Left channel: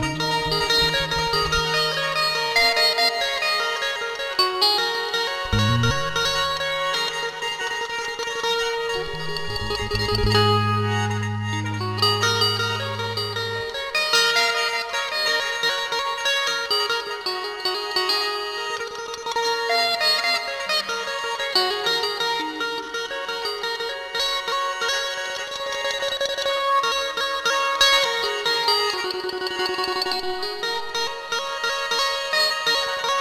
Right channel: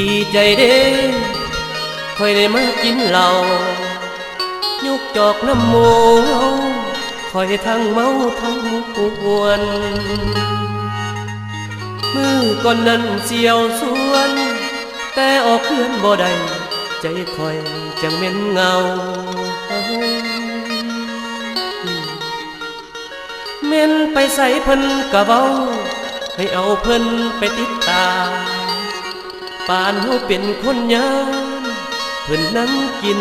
ดีใจเด้ค่อยได้มากินเหล้ายุกจอกน้ำหมูค่อยทั้งเมาทั้งกวนมือก่อนนั้นเสียวสวนแต่ออกเคลื่อนบ่ได้ใจค่อยจังเหม็นเงาเม่นไปใส่เพิ่นกะเว้าให้เอาเพิ่นไปติดตามปานเฮาเป็นคนยามเพิ่นนั่งกิน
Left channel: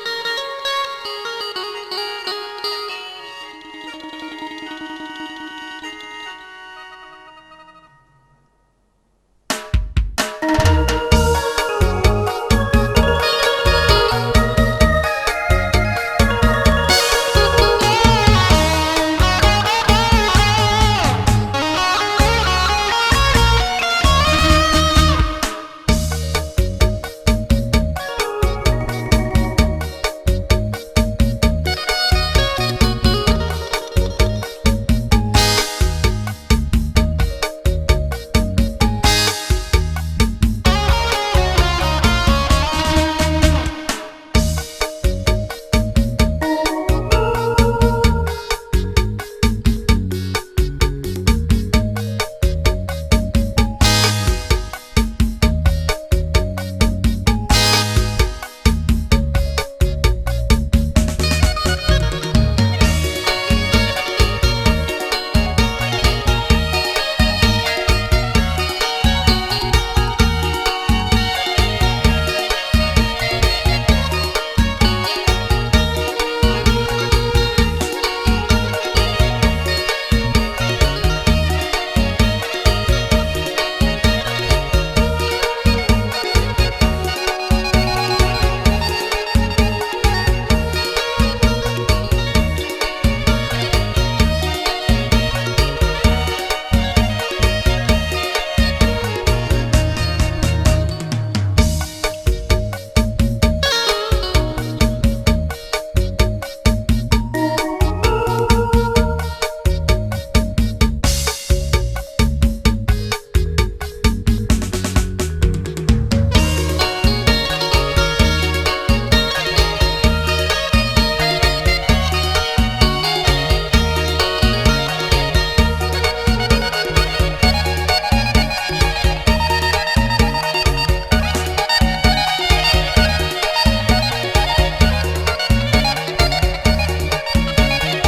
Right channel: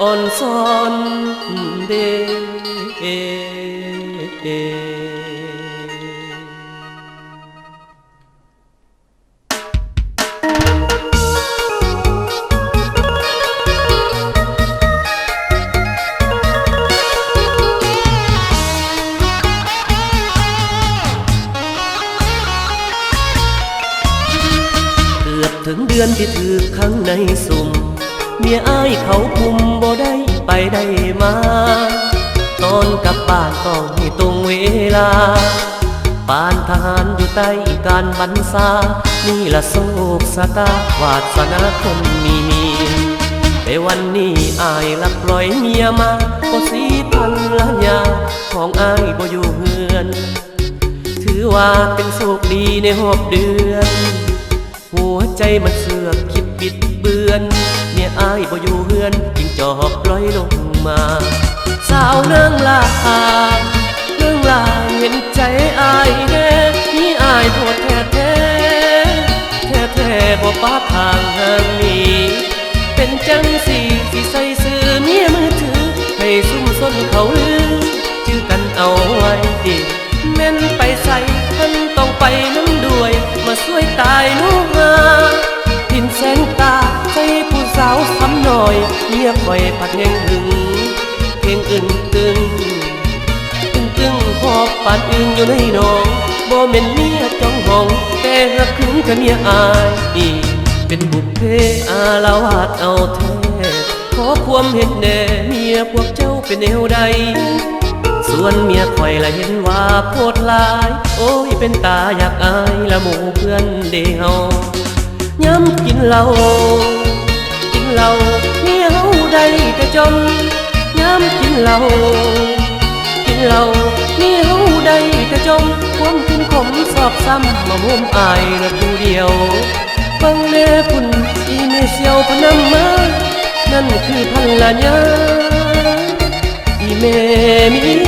อ่อนซ้อนเด้ถึงเดือนที่ถือข้างในสุ่มเมียอ้ายเขาคุมบ่ได้ไปได้มาตอนกลับบ้านต้องให้ตรงเวลาปานทหารอยู่ใต้การบรรษานี่ละโศกสตาวาสนาคนมีแต่วันนี้อ้ายลักปล่อยเมียมาบ่สีพันละยาของอ้ายบ่อยู่เฮือนถือว่าเป็นโชคดีในหอบเดือนหัวใจมันเสือกคิดบิดเบือนเนี่ยอ้ายบ่อยู่เฮือนจิงจอกปล่อยลงมาสาวนางลาเรื่องลาเห็นใจอ้ายแน่นี่อ้ายโทษแท้แท้บ่ปาทางห่างนี้เป็นจังสิใส่ซื้อเมียมือถือให้ซุ่มซ่อนเขาลือชื่อกันเอาไว้แม่นไปใส่ท่านต้องไปนั่งด้วยมาช่วยตายลูกกินแสงตาใจผู้สาวซ้ำหน่อยเมียคอยปัดเฮงหึงเฮงอึ้งหอบปาดอึ้งอยู่ในนองบ่แม่นเมียจ้องห้องแต่หักถึงกับเมียอายเป็นบุพเพอาละวาดเอาแท้ขอความเห็นแน่เมียพวกเจ้าเป็นแนวใดส่วนเมียคอยละเห็นว่าโพดลายโอ้ยเป็นตาอยากอายละหมู่เพื่อนเดเฮาย้ำกินเหล้าเมียเฮาได้แต่จมย้ำกินเหล้าเมียเฮาได้แต่จมความกินขมสอบซ้ำมาห่วมอายละผู้เดียวฟังแน่คุณอีเมเซียวพนำมานั่นคือพันละยาอีเมมี